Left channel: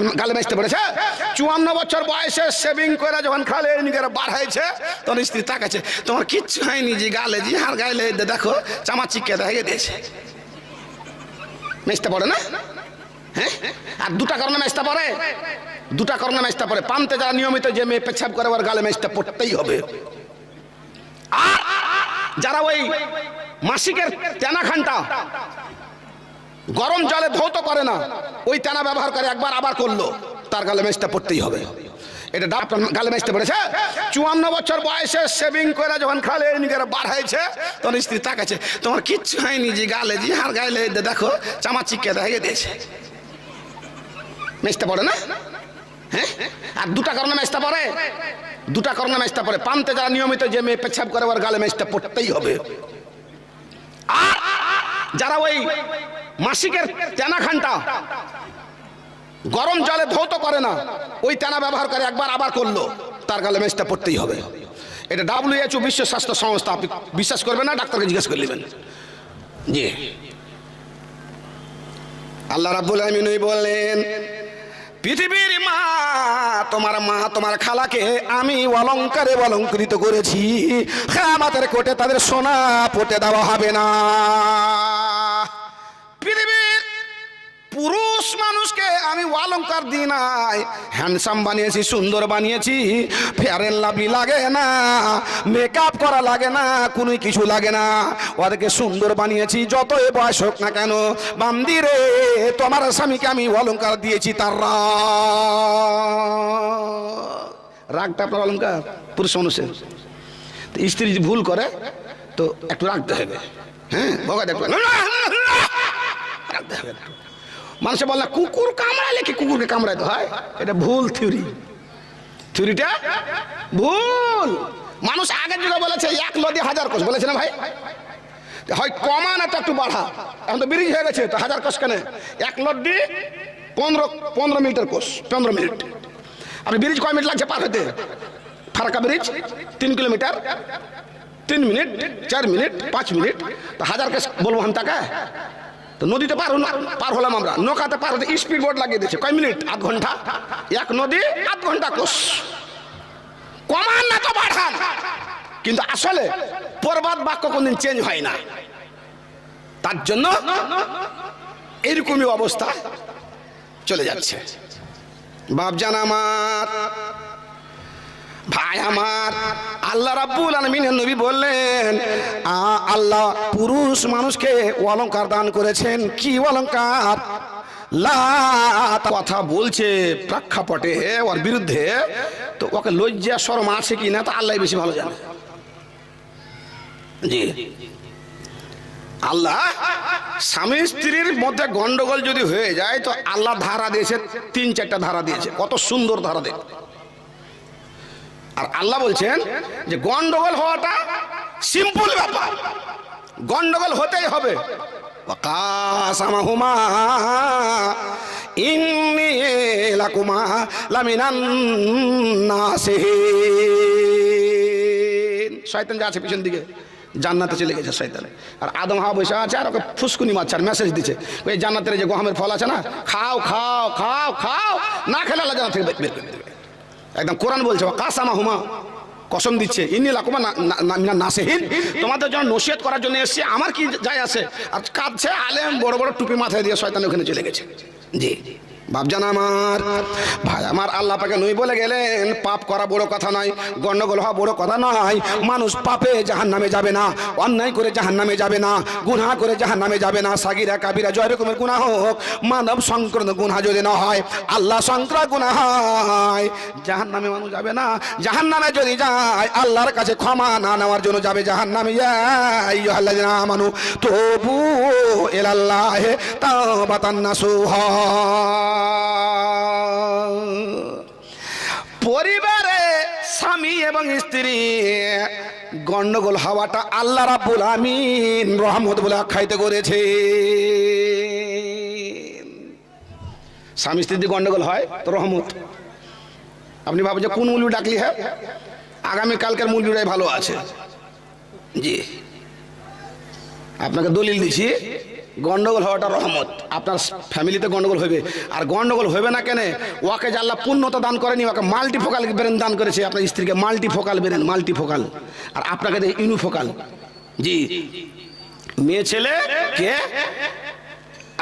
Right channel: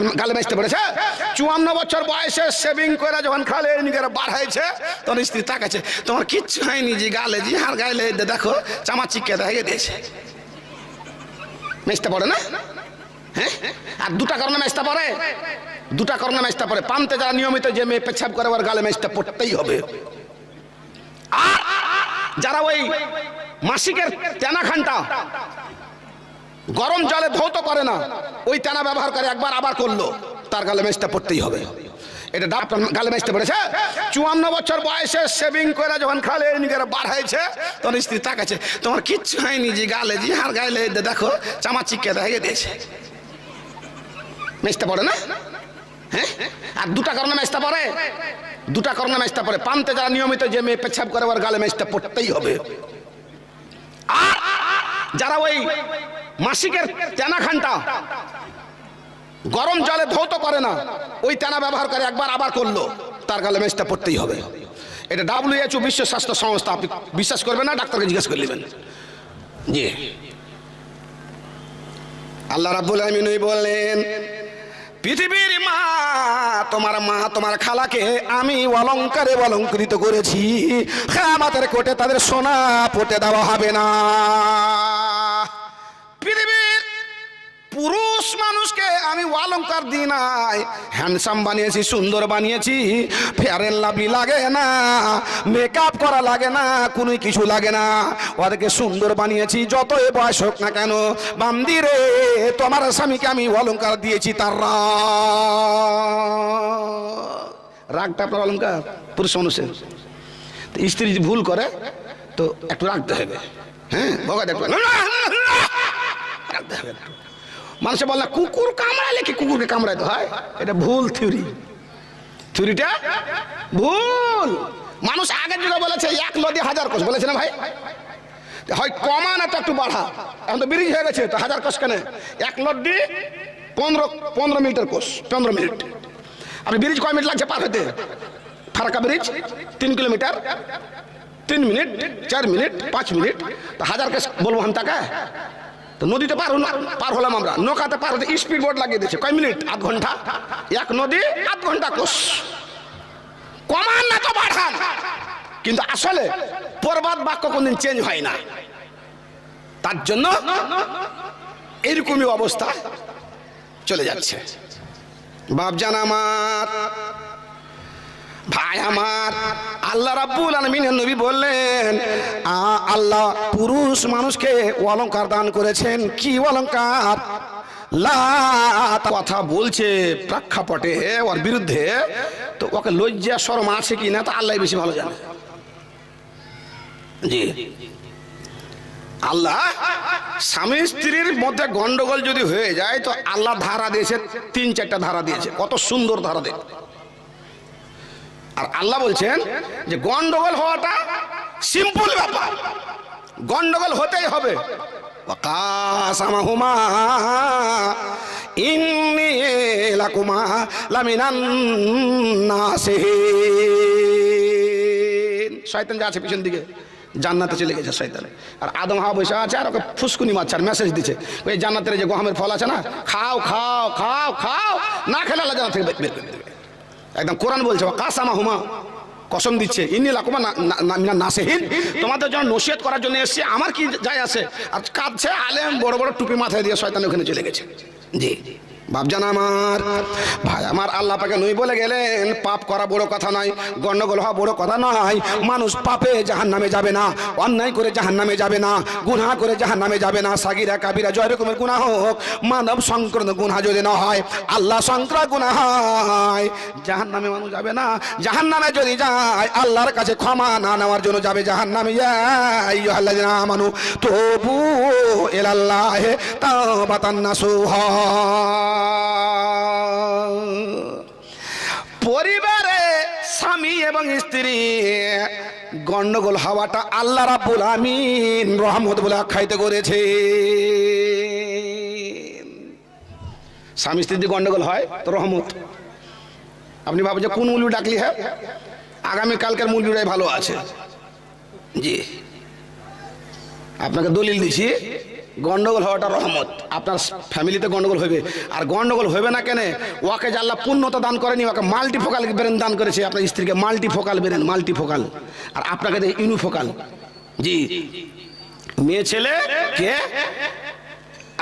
আপনার গালে মেজতে পড়েছে। 54 বছর বয়সে সেভিং করে যখন খালে নিজের বার হয়েছে তখন স্ত্রী তাকাচ্ছে, তোমার কিচ্ছু হয়নি জি, গালে জি হার গাইলে দেখো চামা চিকে দেখে দিয়েছে। মেজতে পড়ে না? হ্যাঁ, আর দুটা কারণে মেজতে পড়ে, দুটা কারণে মেজতে পড়ে। পান্তে যারা নিয়মিত যে মেয়ে পেছাব করে ওর গালে মেজতে পড়তেই হবে। আর যারা ওই মাসিকের তেনা খানটা গরম জলে ধৌত করে না, ওই তেনা ব্যবহার করে, একবার আবার করলো, তার গালে মেজটা পড়তেই হবে। এটা আপনার গালে মেজতে পড়েছে। 54 বছর বয়সে সেভিং করে যখন খালে নিজের বার হয়েছে তখন স্ত্রী তাকাচ্ছে, তোমার কিচ্ছু হয়নি জি, গালে জি হার গাইলে দেখো চামা চিকে দেখে দিয়েছে। মেজতে পড়ে না? হ্যাঁ, আর দুটা কারণে মেজতে পড়ে, দুটা কারণে মেজতে পড়ে। পান্তে যারা নিয়মিত যে মেয়ে পেছাব করে ওর গালে মেজটা পড়তেই হবে। আর যারা ওই মাসিকের তেনা খানটা গরম জলে ধৌত করে না, ওই তেনা ব্যবহার করে, একবার আবার করলো, তার গালে মেজটা পড়তেই হবে। এটা WHO বিশ্ব স্বাস্থ্য সংস্থা, আপনি বিশ্বাস করবেন না, ডাক্তারকে জিজ্ঞেস করে নেবেন। জি, আল্লাহ রাব্বুল আলামিন বললেন, পৃথিবীর মা, তোমার মা তোমার খালাকে আমি অলংকারে অলঙ্কৃত করেছি, কিয়ামতের কোটে তাদের সোনা পটে দেওয়া হবে না। পৃথিবীর পুরুষ মানুষকে আমি অলংকার দিই নাই, হ্যান্ডসাম বানিয়েছি, সুন্দর বানিয়েছি, ফেয়ার এন্ড লাভলি লাগে না, মেকআপ করা লাগে না, কোনো কিছু লাগে না, ওদেরকে সুন্দর বানিয়েছি। যতই বয়স হোক না কেন, বান্দিরে তোমার স্বামীকে আমি অলংকার দিয়েছি। তার রাগটা আপনার অলংকার পুরুষ মানুষের। স্ত্রী যদি ভুল করে তো একটু রাখতে হবে। হ্যাঁ, ভগা দেখবেন রাখতে হবে একটু। মানুষে বলে কুকুর কামড়ালে কি কুকুরকে কামড়াইতে হয়, এটা ভুল থিওরি, থিওরিটা ভুল। মানুষ আগের যুগে বলেছে 1 লদি 1000 কোষ, বলেছে না ভাই? হয় কমা না তো একটু বাড়া, এখন তো ব্রিজ হয়ে গেছে তো 1000 কোষ কেন? 1 লদি 15 মিনিটের কোষ, 15 মিনিট। আপনি ব্রিজ কয় মিনিট লাগছে পার হতে? Farakka bridge 3 kilometre, 3 minute, 4 minute, 5 minute, তো 1000 কোষ বলবো আমি তাকে? তো নদীতে পার হলাম আমরা, নৌকাতে পার হতে স্পিড বোট লাগিয়ে দিচ্ছে, কয় মিনিট? আধ ঘন্টা। 1 নদী 8 ঘন্টা কোষ। কমান না তো বাড়ান, কিন্তু আসলে পরবাদ বাক্য কোনদিন চেঞ্জ হয় না। তার জন্য এইরকমই অবস্থা চলে যাচ্ছে। বাপজান আমার, ভাই আমার, আল্লাহ রাব্বুল আলামিনের নবী বললেন, আল্লাহ পুরুষ মানুষকে অলংকার দান করেছেন। কি অলংকার? কথা বলছে প্রেক্ষাপটে ওর বিরুদ্ধে, তো ওকে লজ্জা শরম আছে কি না তো আল্লাহ বেশি ভালো জানে। জি, আল্লাহ স্বামী স্ত্রীর মধ্যে গন্ডগোল যদি হয়ে যায় তো আল্লাহ ধারা দিয়েছে, 3-4টা ধারা দিয়েছে, কত সুন্দর ধারা দেয়। আর আল্লাহ বলছেন যে গন্ডগোল হওয়াটা সিম্পল ব্যাপার, গন্ডগোল হতেই হবে। ওয়াকাসামাহুমা ইন্নী লাকুমা লামিনান নাসিহিন। শয়তান যা আছে পিছন দিকে জান্নাতে চলে গেছে শয়তান, আর আদম হাওয়া বসে আছে আর ওকে ফুসকুনি মারছে আর মেসেজ দিচ্ছে, ওই জান্নাতের যে গহমের ফল আছে না, খাও খাও খাও খাও, না খেলে আল্লাহ জান্নাত থেকে বের করে দেবে। একদম কোরআন বলছে কাসামাহুমা, কসম দিচ্ছে, ইন্নী লাকুমা মিনান নাসিহিন, তোমাদের জন্য নসিহত করার জন্য এসেছি, আমার কি যায় আছে। আর কাঁদছে আলেম, বড় বড় টুপি মাথায় দিয়ে শয়তান ওখানে চলে গেছে। জি বাপজান আমার, ভাই আমার, আল্লাহ পাকে নই বলে গেলেন, পাপ করা বড় কথা নয়, গন্ডগোল হওয়া বড় কথা নয়। মানুষ পাপে জাহান্নামে যাবে না, অন্যায় করে জাহান্নামে যাবে না, গুনাহ করে জাহান্নামে যাবে না। সাগিরা কাবিরা জয় রকমের গুনাহ হোক, মানব সংক্রান্ত গুনাহ যদি না হয়, আল্লাহ সংক্রান্ত গুনাহ হয়, জাহান্নামে মানুষ যাবে না। জাহান্নামে যদি যায় আল্লাহর কাছে ক্ষমা না নেওয়ার জন্য যাবে জাহান্নামে। ইয়া আইয়ুহাল্লাযিনা আমানু তুবু ইলাল্লাহি তাওবাতান নাসুহা। পরিবারে স্বামী এবং স্ত্রী গন্ডগোল হওয়াটা আল্লাহ রাব্বুল আমিন রহমত বলে আখ্যায়িত করেছে। স্বামী স্ত্রী গন্ডগোল হয় তো রহমত। আপনি ভাবেন যে কোন মৌলবি ডাকলি, হ্যাঁ আগামী কালকের মৌলবিরাই ভালো আছে। জি, আপনাকে দলিল দিছি, গন্ডগোল হওয়াটা রহমত। আপনার ফ্যামিলিতে গন্ডগোল হবে, আর গন্ডগোল হবে না কেন? ওকে যে আল্লাহ পূর্ণতা দান করেনি, ওকে মাল্টিফোকাল ব্রেন দান করেছে। আপনার স্ত্রীকে মাল্টিফোকাল ব্রেন, মাল্টিফোকাল, আর আপনাকে ইউনিফোকাল। জি, মেয়ে ছেলে কে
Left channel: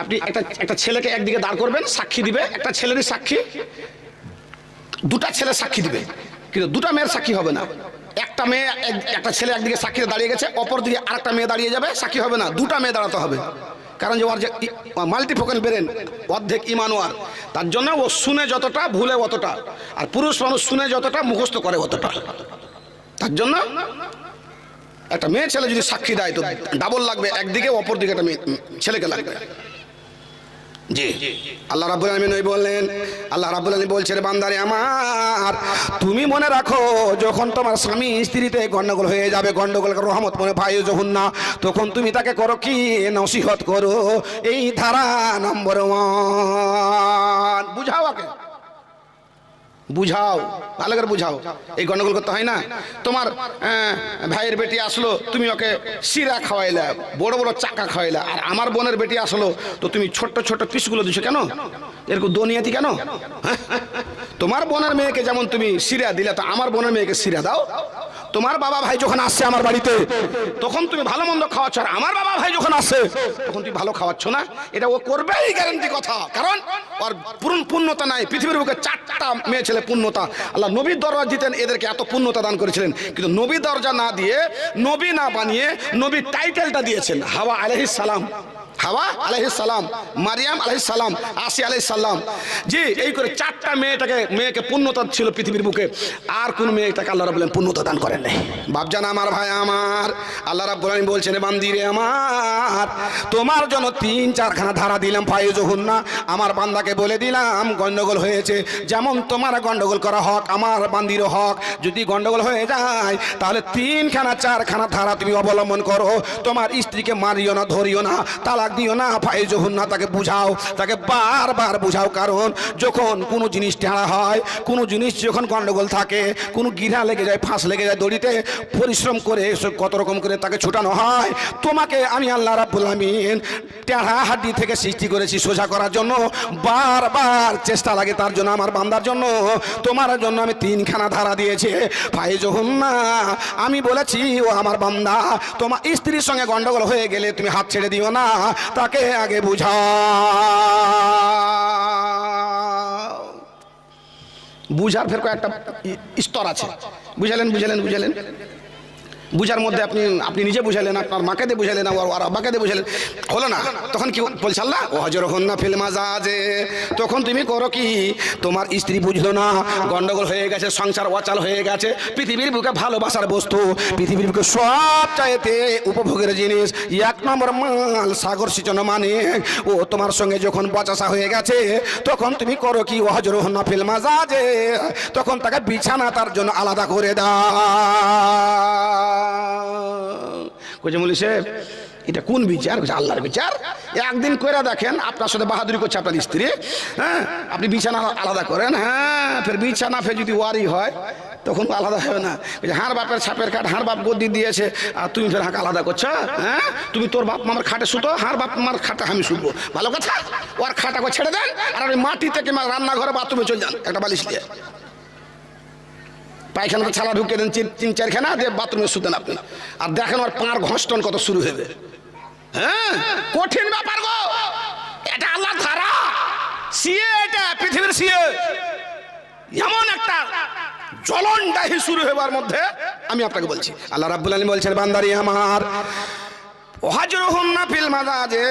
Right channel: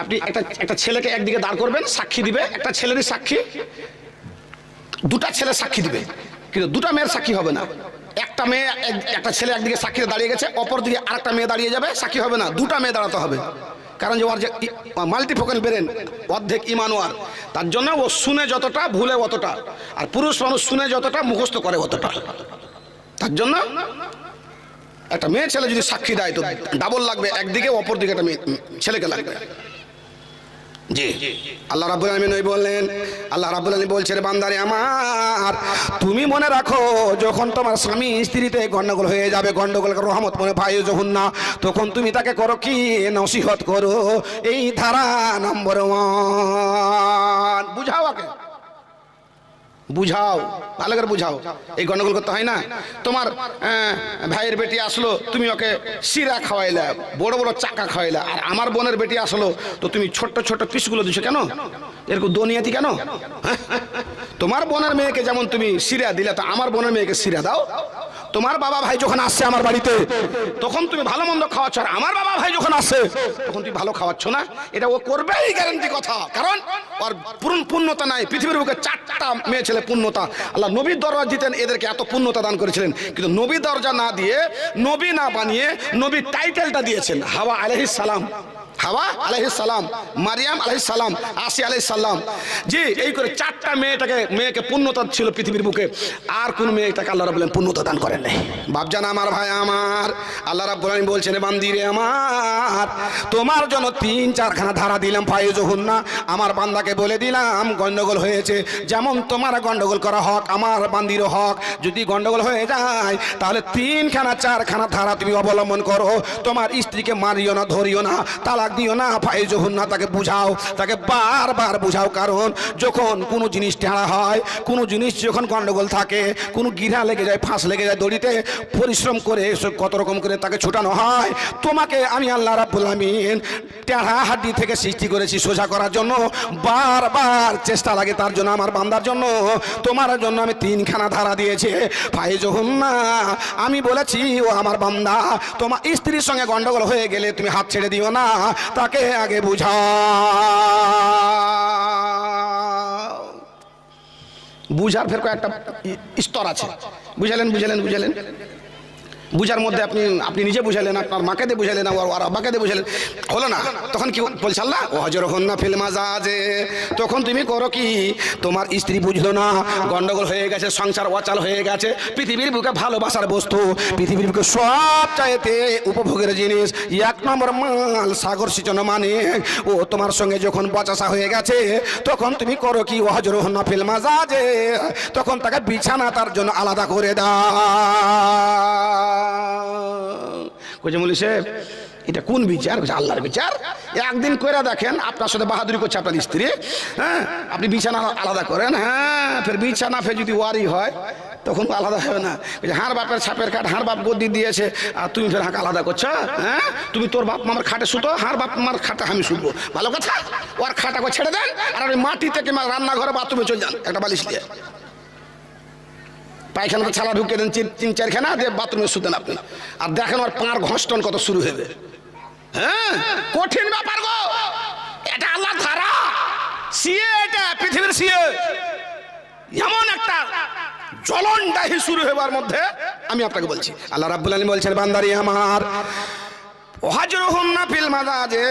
আপনি একটা ছেলেকে একদিকে দাঁড় করবেন, সাক্ষী দিবে, একটা ছেলেরই সাক্ষী, দুটা ছেলে সাক্ষী দিবে, কিন্তু দুটা মেয়ের সাক্ষী হবে না। একটা মেয়ে, একটা ছেলে একদিকে সাক্ষীতে দাঁড়িয়ে গেছে, অপর দিকে আরেকটা মেয়ে দাঁড়িয়ে যাবে, সাক্ষী হবে না, দুটা মেয়ে দাঁড়াতে হবে। কারণ যে ওর যে মাল্টিফোকাল ব্রেন, অর্ধেক ইমান ওর, তার জন্য ও শুনে যতটা ভুলে অতটা, আর পুরুষ মানুষ শুনে যতটা মুখস্থ করে অতটা। তার জন্য একটা মেয়ে ছেলে যদি সাক্ষী দেয় তো ডাবল লাগবে একদিকে, অপর দিকে একটা ছেলেকে লাগবে। জি, আল্লাহ রাব্বুল আলামিন ওই বললেন, আল্লাহ রাব্বুল আলামিন বলছেন, বান্দারে আমার তুমি মনে রাখো, যখন তোমার স্বামী স্ত্রীতে গন্ডগোল হয়ে যাবে, গন্ডগোলকে রহমত মনে পাই যখন না, তখন তুমি তাকে করো কি? নসিহত করো। এই ধারা নম্বর 1, বুঝাও, আগে বুঝাও, ভালো করে বুঝাও। এই গন্ডগোল করতে হয় না। তোমার ভাইয়ের বেটি আসলো, তুমি ওকে শিরা খাওয়াইলা, বড় বড় চাকা খাওয়াইলা, আর আমার বোনের বেটি আসলো তো তুমি ছোট্ট ছোট্ট পিসগুলো দিছো কেন? এরকম দুনিয়াতি কেন? তোমার বোনের মেয়েকে যেমন তুমি শিরা দিলে, তো আমার বোনের মেয়েকে শিরা দাও। তোমার বাবা ভাই যখন আসছে আমার বাড়িতে, তখন তুমি ভালো মন্দ খাওয়াচ্ছ, আর আমার বাবা ভাই যখন আসে তখন তুমি ভালো খাওয়াচ্ছ না। এটা ও করবেই, গ্যারান্টি কথা। কারণ ওর পূর্ণতা নাই। পৃথিবীর বুকে 4টা মেয়ে ছেলে পূর্ণতা। আল্লাহ নবীর দরজা দিতেন, এদেরকে এত পূর্ণতা দান করেছিলেন, কিন্তু নবী দরজা না দিয়ে, নবী না বানিয়ে, নবীর টাইটেলটা দিয়েছেন হাওয়া আলাইহিস সালাম, হাওয়া আলাইহিস সালাম, মারিয়াম আলাইহিস সালাম, আসিয়া আলাইহিস সালাম। জি, এই করে 4টা মেয়েকে পূর্ণতা ছিল পৃথিবীর বুকে। আর কোন মেয়েটাকে আল্লাহ রাব্বুল আলামিন পূর্ণতা দান করেন নাই। বাপজান আমার, ভাই আমার, আল্লাহ রাব্বুল আলামিন বলছেন, বান্দিরে আমার, তোমার জন্য 3-4খানা ধারা দিলাম, ফায়জুহুন না, আমার বান্দাকে বলে দিলাম গন্ডগোল হয়েছে, যেমন তোমার গন্ডগোল করা হক, আমার বান্দিরও হক। যদি গন্ডগোল হয়ে যায় তাহলে 3-4খানা ধারা তুমি অবলম্বন করো। তোমার স্ত্রীকে মারিও না, ধরিও না, তালাক দিও না, ফায়জুহুন না, তাকে বুঝাও, তাকে বারবার বুঝাও। কারণ যখন কোনো জিনিস টেড়া হয়, কোনো জিনিস যখন গন্ডগোল থাকে, কোনো গিরা লেগে যায়, ফাঁস লেগে যায়, দড়িতে পরিশ্রম করে কত রকম করে তাকে ছুটানো হয়। তোমাকে আমি আল্লাহ রাব্বুল আলামিন টেড়া হাড্ডি থেকে সৃষ্টি করেছি সোজা করার জন্য, বারবার চেষ্টা লাগে তার জন্য। আমার বান্দার জন্য, তোমার জন্য আমি 3খানা ধারা দিয়েছি, ফায়জুহুন না। আমি বলেছি, ও আমার বান্দা, তোমার স্ত্রীর সঙ্গে গন্ডগোল হয়ে গেলে তুমি হাত ছেড়ে দিও না, তাকে আগে বুঝাও। বুঝার ফের কয়েকটা স্তর আছে। বুঝালেন, বুঝার মধ্যে আপনি নিজে বুঝালেন, আপনার মাকে দিয়ে বুঝালেন, আর আব্বাকে দিয়ে বুঝালেন, হলো না। তখন কি বলছে আল্লাহ? ওয়াজরহুন না ফিল মাজাজে। তখন তুমি করো কি? তোমার স্ত্রী বুঝলো না, গন্ডগোল হয়ে গেছে, সংসার অচাল হয়ে গেছে, পৃথিবীর বুকে ভালোবাসার বস্তু, পৃথিবীর বুকে সব চাইতে উপভোগের জিনিস, 1 নম্বর মাল, সাগর সিঁচন মানে ও তোমার সঙ্গে যখন বচাসা হয়ে গেছে, তখন তুমি করো কি? ওয়াজরহুন না ফিল মাজাজে। তখন তাকে বিছানা তার জন্য আলাদা করে দাও। কোচে মৌলী সাহেব, এটা কোন বিচার? আল্লাহর বিচার। একদিন করে দেখেন, আপনার সাথে বাহাদুরি করছে আপনার স্ত্রী, হ্যাঁ, আপনি বিছানা আলাদা করেন, হ্যাঁ, ফের বিছানা ফের যদি ওয়ারি হয় তখন আলাদা হবে না। হাঁড় বাপের ছাপের খাট, হাঁড় বাপ গদি দিয়েছে, আর তুমি ফের হাঁক আলাদা করছো, হ্যাঁ? তুমি তোর বাপ মামার খাটে শুতো, হাঁড় বাপ মামার খাটে আমি শুধবো, ভালো কথা। ওর খাটাকে ছেড়ে দেন, আর ওই মাটি থেকে রান্নাঘরে বাথরুমে চলে যান একটা বালিশ দিয়ে, পায়খানাতে ছালা ঢুকিয়ে দেন 3-4খানা দিয়ে বাথরুমে শুতেন আপনি, আর দেখেন ওর পাঁড় ঘষ্টন কত শুরু হবে। হ্যাঁ, কঠিন ব্যাপার গো, এটা আল্লাহর ধারা, সিএ, এটা পৃথিবীর সিএ। এমন একটা জ্বলনদাহি শুরু হবার মধ্যে আমি আপনাকে বলছি, আল্লাহ রাব্বুল আলামিন বলছেন, বান্দারি আমার, ওয়াজরহুন না ফিল মাজাজে,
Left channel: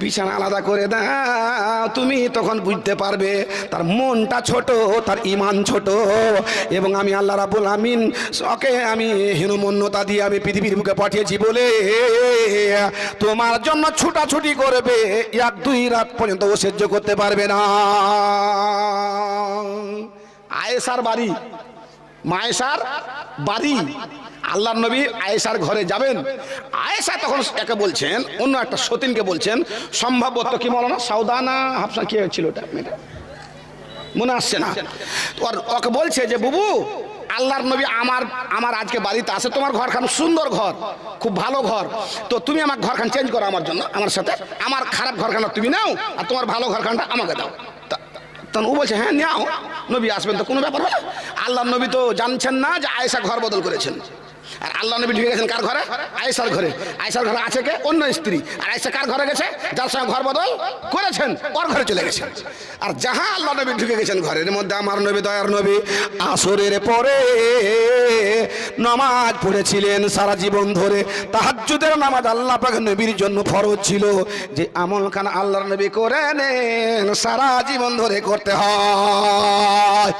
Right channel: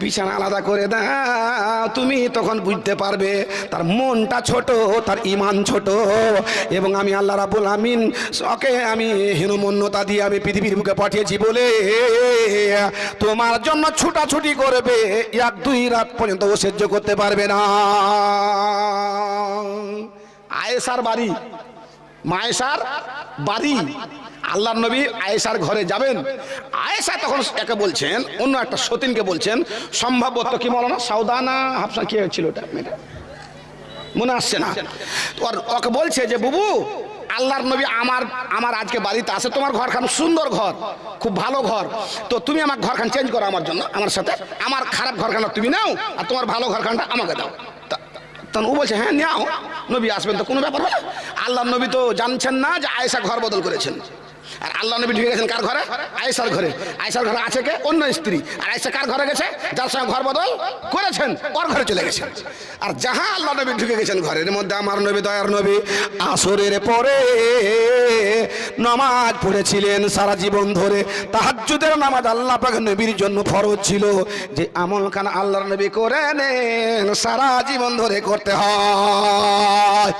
বিছানা আলাদা করে দাও। তুমি তখন বুঝতে পারবে তার মনটা ছোট, তার ঈমান ছোট, এবং আমি আল্লাহ রাব্বুল আমিন ওকে আমি হীনমন্যতা দিয়ে আমি পৃথিবীর বুকে পাঠিয়েছি বলে তোমার জন্য ছুটাছুটি করবে, 1-2 রাত পর্যন্ত ও সহ্য করতে পারবে না। আয়েশার বাড়ি, মায়েশার বাড়ি, আল্লাহর নবী আয়েশার ঘরে যাবেন। আয়েশা তখন একে বলছেন, অন্য একটা সতীনকে বলছেন, সম্ভবত কি মৌলানা সাউদানা হাফসা কি ছিল ওটা মেয়েটা মনে আসছে না, ওকে বলছে যে বুবু আল্লাহর নবী আমার আজকে বাড়িতে আসে, তোমার ঘরখান সুন্দর ঘর, খুব ভালো ঘর, তো তুমি আমার ঘরখান চেঞ্জ করো আমার জন্য, আমার সাথে, আমার খারাপ ঘরখানা তুমি নাও আর তোমার ভালো ঘরখানটা আমাকে দাও। তখন ও বলছে হ্যাঁ নাও, নবী আসবেন তো কোনো ব্যাপার হলো। আল্লাহর নবী তো জানছেন না যে আয়েশা ঘর বদল করেছেন, আর আল্লাহ নবী ঢুকে গেছেন কার ঘরে? আয়েশার ঘরে। আয়েশার ঘরে আছে কে? অন্য স্ত্রী। আর আয়েশা কার ঘরে গেছে? যার সঙ্গে ঘর বদল করেছেন ওর ঘরে চলে গেছেন। আর যাহা আল্লাহ নবী ঢুকে গেছেন ঘরের মধ্যে, আমার নবী দয়ার নবী আসরের পরে নামাজ পড়েছিলেন সারা জীবন ধরে। তাহাজ্জুদের নামাজ আল্লাহ পাক নবীর জন্য ফরজ ছিল, যে আমল খান আল্লাহর নবী করে নেন সারা জীবন ধরে করতে হয়।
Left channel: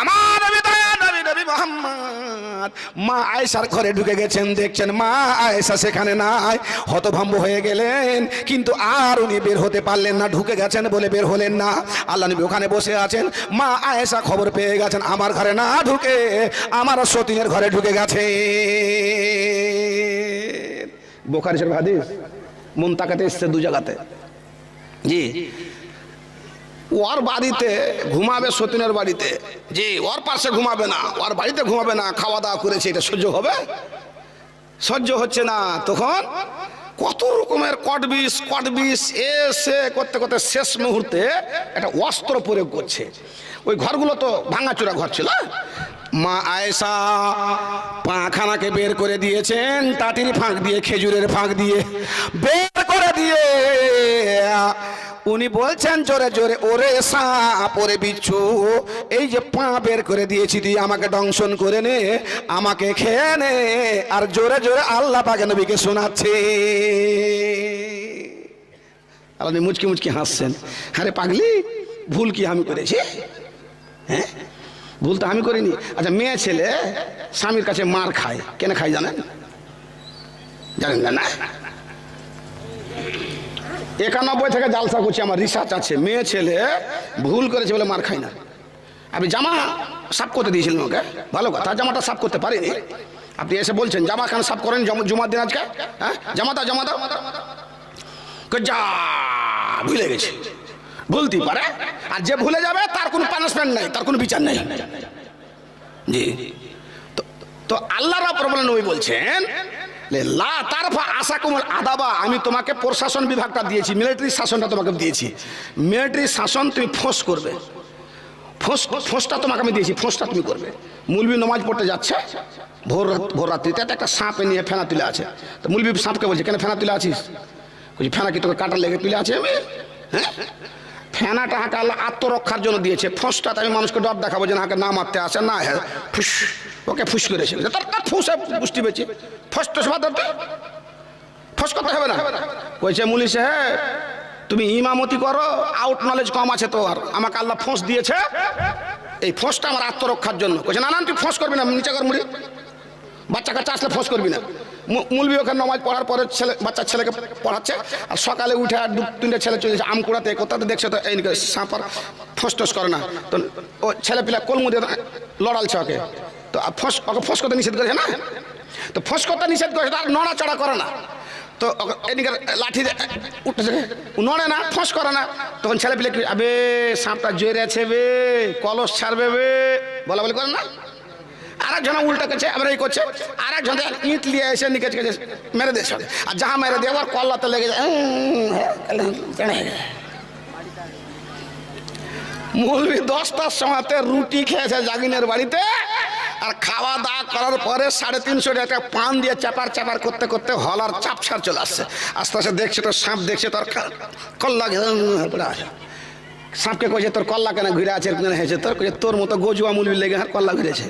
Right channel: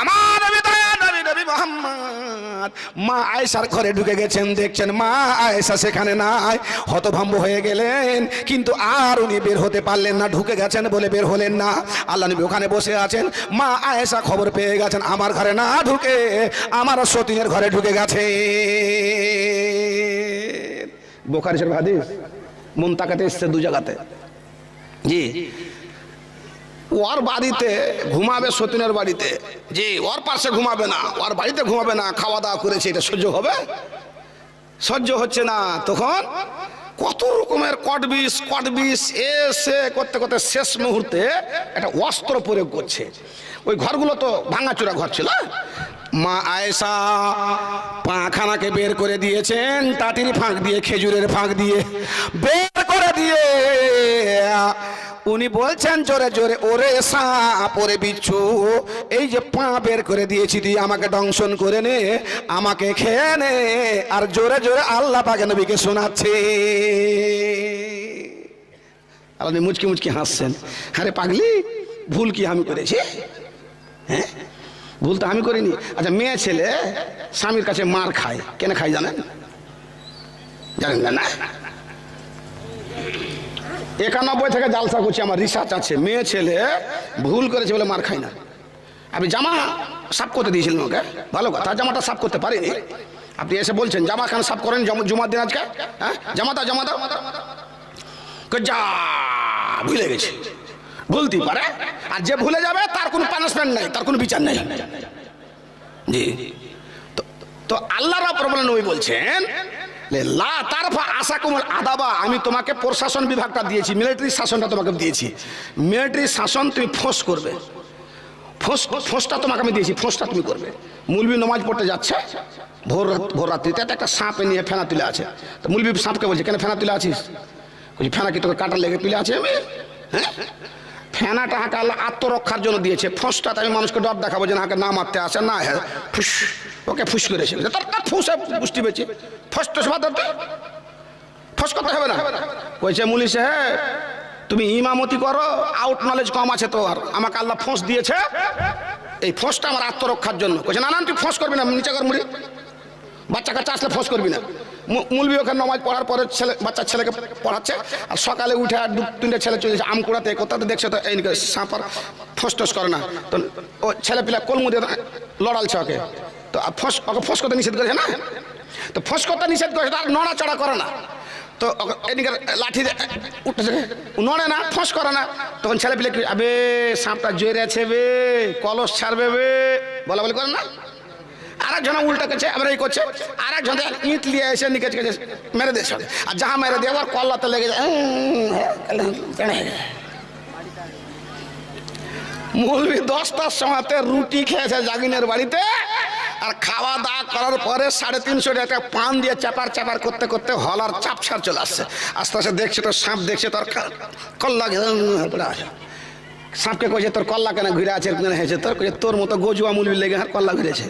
আমার নবী দয়ার নবী নবী মুহাম্মদ মা আয়েশার ঘরে ঢুকে গেছেন, দেখছেন মা আয়েশা সেখানে নাই, হতভম্ব হয়ে গেলেন, কিন্তু আর উনি বের হতে পারলেন না, ঢুকে গেছেন বলে বের হলেন না। আল্লাহ নবী ওখানে বসে আছেন, মা আয়েশা খবর পেয়ে গেছেন আমার ঘরে না ঢুকে আমার সতীনের ঘরে ঢুকে গেছে। বুখারী শরীফ হাদিস, মন তাকাতে এসছে দু জায়গাতে। জি, ওর বাড়িতে ঘুমাবে সতীনের বাড়িতে, জি, ওর পাশে ঘুমাবে না, ওর বাড়িতে ঘুমাবে না, খাওয়া দাওয়া করেছে, এটা সহ্য হবে? সহ্য হচ্ছে না। তখন কত রকমের কটবিস এসে করতে করতে শেষ মুহূর্তে একটা অস্ত্র প্রয়োগ করছে। ওই ঘরগুলো তো ভাঙাচোরা ঘর ছিল। মা আয়েশা পাখানাকে বের করে দিয়েছেন, টাটির ফাঁক দিয়ে, খেজুরের ফাঁক দিয়ে বের করে দিয়ে উনি বলছেন জোরে জোরে, ওরে সাপ ওরে বিচ্ছু, এই যে পা বের করে দিয়েছি তুই আমাকে দংশন করে নে, আমাকে খেয়ে নে। আর জোরে জোরে আল্লাহ পাক নবীকে শোনাচ্ছে। আল্লাহ মুচকি মুচকি হাসছেন, আরে পাগলি, ভুল কি আমি করেছি? হ্যাঁ, ভুল তো আমি করিনি। আচ্ছা, মেয়ে ছেলে স্বামীর কাছে মার খায়, কেন খায় জানেন? জানেন না? 91 থেকে জালসা করছি, আমার রিসার্চ আছে। মেয়ে ছেলে ভুল করেছে বলে মার খায় না। আপনি জামা সাফ করতে দিয়েছিলেন ওকে, ভালো কথা, জামাটা সাফ করতে পারিনি, আপনি এসে বলছেন জামা কেন সাফ করেন জুমার দিন আজকে? হ্যাঁ, জামা দাও যা, ভুলে গেছি। ভুলতেই পারে, আর যে ভুলে যাবে তার কোনো পানিশমেন্ট নাই, তার কোনো বিচার নেই। জি, তো আল্লাহ রাব্বুল আলামিন নবী বলছেন লা তারফা আসাকুমুল আদাবা, আমি তোমাকে প্রশাসন বিভাগটা দিয়েছি, মিলিটারি শাসনটা তোমাকে দিয়েছি। মিলিটারি শাসন তুমি ফোঁস করবে, ফোঁসটা তোমাকে আমি দিয়েছি, ফোঁসটা তুমি করবে। মুলবি নামাজ পড়তে যাচ্ছে ভোর রাত্রিতে, একটা সাপ নিয়ে ফেনা তুলে আছে। তো মুলবি সাপকে বলছে কেন ফেনা তুলে আছিস? বলছি ফেনা কি তোকে কাটার লেগে তুলে আছে আমি? হ্যাঁ, ফেনাটা হাঁকে আল্লাহ আত্মরক্ষার জন্য দিয়েছে, ফোঁসটাতে আমি মানুষকে ডর দেখাবো যে হাঁকে না মারতে আসে না। হ্যাঁ, ফুস, ওকে ফুস করেছে, তার ফুসে পুষ্টি পেয়েছে, ফস টস ফস করতে হবে না। কইছে মুলি সাহেব তুমি ইমামতি করো, আউট নলেজ কম আছে তোর, আমাকে আল্লাহ ফোঁস দিয়েছে, এই ফোঁসটা আমার আত্মরক্ষার জন্য। কইছে না তুই ফোঁস করবি না, নিচে কর মুড়ি, বাচ্চা কাচ্চা আসলে ফোঁস করবি না। মুলবি ওখানে নামাজ পড়ার পরে বাচ্চা ছেলেকে পড়াচ্ছে, আর সকালে উঠে আর 2-3টে ছেলে চলে যাচ্ছে আম কুড়াতে, কোথাতে দেখছে তো এই সাঁপার ফোঁস টোস করে না, তো ও ছেলে পিলা কলমু দিয়ে লড়ালছে ওকে, তো ওকে ফোঁস করতে নিষেধ করেছে না, তো ফোঁস করতে নিষেধ করেছে, তার নড়াচড়া করে না, তো এদিকে লাঠি উঠেছে, নড়ে না, ফোঁস করে না। তখন ছেলে পিলে কি, আবে সাপটা জোরে আছে বে, কলস ছাড়বে বে, বলা বলি করে না। আরেকজন উল্টা করছে, আবার এই করছে, আরেকজন ইট লিয়ে এসে নিকেছ মেরে দিয়েছে, আর যাহা মেরে দিয়ে আবার কল্লাতে লেগে যায়। মৌলবি 10টার সময়তে রুটি খেয়েছে জাগিনের বাড়িতে, আর খাওয়া দাওয়া করার পরে 350 টাকা পান দিয়ে চাপার করতে করতে হলার চাপছাড় চলে আসছে। আস্তে আস্তে দেখছে তো সাপ, দেখছে তোর কল্লা, সাপকে কইছে তোর কল্লা কেন ঘুরে আছে, হয়েছে তোর, কইছে তোর মতো গজুয়া মুলবি লেগে হার কল্লা ঘুরেছে।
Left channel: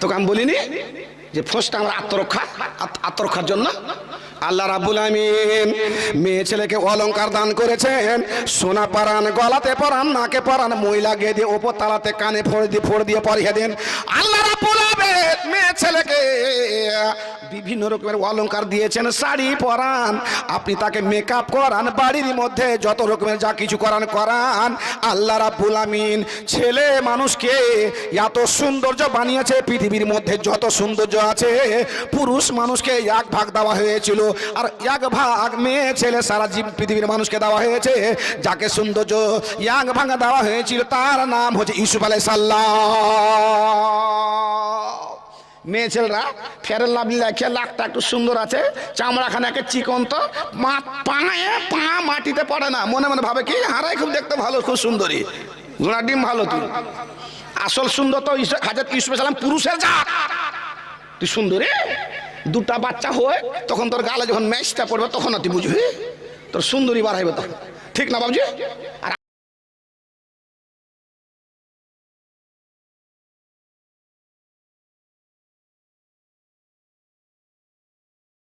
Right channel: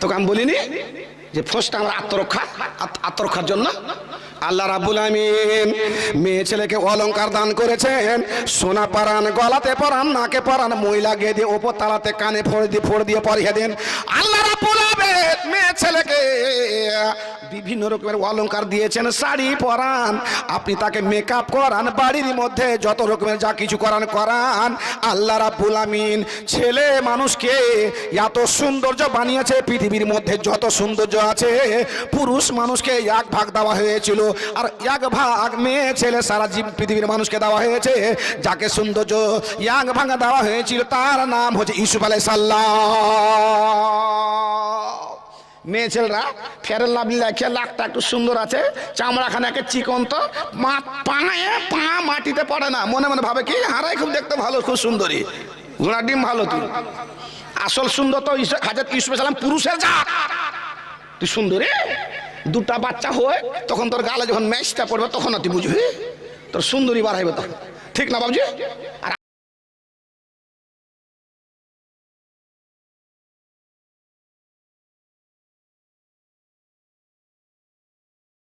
তোকে আমি বলিনি যে ফোঁসটা আমার আত্মরক্ষার জন্য। আল্লাহ রাব্বুল আমিন মেয়ে ছেলেকে অলংকার দান করেছেন, সোনা পরান, গলাতে পরান, নাকে পরান, মহিলা গিয়ে দিয়ে ওপর তালাতে কানে ফোড় দিয়ে পরিয়ে দেন। আল্লাহ রাব্বুল আমিন মেয়ে ছেলেকে বিভিন্ন রকমের অলংকার দিয়েছেন, শাড়ি পরান, আপনি তাকে মেকআপ করান, বাড়ির মধ্যে যত রকমের যা কিছু করান করান। আল্লাহ রাব্বুল আমিন ছেলে মানুষকে এত সৌন্দর্য বানিয়েছে, পৃথিবীর মধ্যে যত সৌন্দর্য আছে পুরুষ মানুষকে এক ভাগ দেওয়া হয়েছিল, আর এক ভাগ মেয়ে ছেলে সারা পৃথিবীর মানুষকে দেওয়া হয়েছে। যাকে সৌন্দর্য এক ভাগ দেওয়া হয়েছিল তার নাম হচ্ছে ইউসুফ আলাইহিস সালাম। মেয়ে ছেলেরা ফেরেন লাভলি লেখে লাখটা একটু সুন্দর আছে, চামড়াখানে একে চিকন, তো পায়ে পা মাটিতে পড়ে না, মনে মনে ভাবে কি হারাই খুব দেখতে ভালো, খুব সুন্দরী, ঘোড়া ডিম ভালো, তুই আসল সুন্দর তো হাজরত ইউসুফ আলাইহিস সালাম পুরুষের জাত, তুই সুন্দরী। দুটা বাচ্চা হয় তখন তোর গালে যখন ম্যাচটা পড়বে তখন তুই বুঝবি তোর সুন্দরী বাড়াইবে, তখন ঠিক না বাবুজি? আর